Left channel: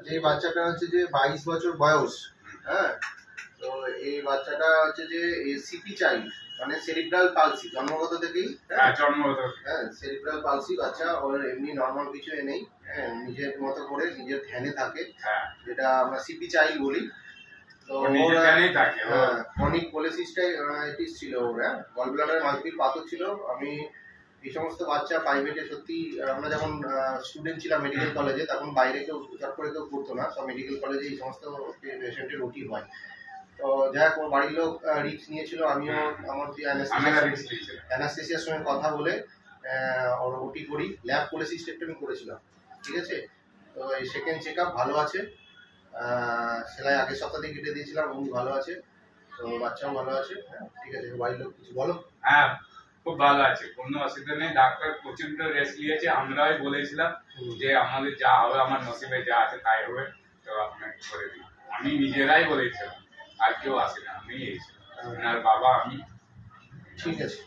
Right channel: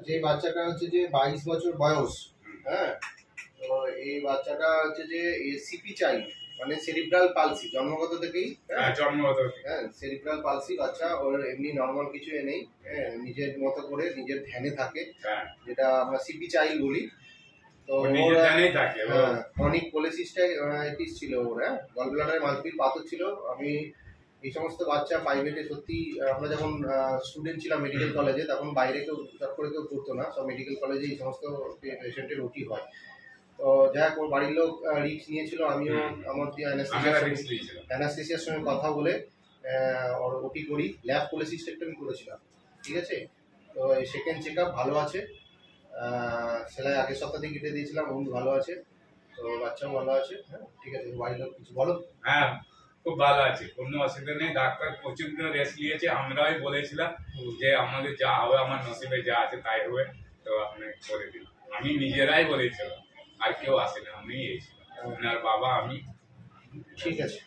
আচ্ছা, এই বাচ্চাটা হচ্ছে যে 22 বছর বয়স। হ্যাঁ, তো এই বাচ্চাটা হচ্ছে যে সিপি চাইল্ড, মানে সেরিব্রাল পালসি, জন্মগত থেকেই। হ্যাঁ, জন্মগত। হ্যাঁ, সেরিব্রাল পালসি বাচ্চা। ওর এমনি নর্মাল কিছু নেই। হ্যাঁ, নিজের মতো করে নিজের ধ্যানে থাকে, যেটা আমরা সিপি চাইল্ড বলি। তো ক্রনিক কোলেসিস্টাইটিস ছিল ওর। হ্যাঁ, গলব্লাডারে মাল্টিপল পাথর ছিল। আমি এই সমস্ত বাচ্চা প্রাইভেটে সত্যি, আমরা যখন স্টুডেন্ট ছিলাম মেডিকেল কলেজে, তখন বাইরে কেউ চট করে কেউ করতো না, সব মেডিকেল কলেজে এই সমস্ত পেশেন্টের ওটি হয়। তো যাই হোক, ওর বাড়ির লোক রিস্ক নিয়েছিল, আমিও আমার অ্যানাস্থেসিয়ার সঙ্গে কথা বলে ওর ওটি করি, ল্যাব কোলেসিস্টেক্টমি করেছিলাম। ঠিক আছে, তো এই সেকেন্ড চেক আপ ভালো আছে। সেলাই আগের সপ্তাহে কেটে দিয়েছিলাম, উনি ভালো আছে, তো বাচ্চাও ভালো আছে। হ্যাঁ, ঠিক আছে, বাড়ির লোক কিছু বলো? হ্যাঁ, খুব ভালো আছে, কোনো অসুবিধা নেই। ডাক্তার প্রচন্ড রেস্ট নিয়েছে। আমরাই বলেছিলাম যে আমাদের যা হবে, আমার নসিবে যা আছে তাই হবে, তো আপনাকে করে দিই। আমি নিজেরাই বলেছিলাম, আর কেউ আসে না, আমি এসেছিলাম, আর বাবা আমি। ঠিক আছে।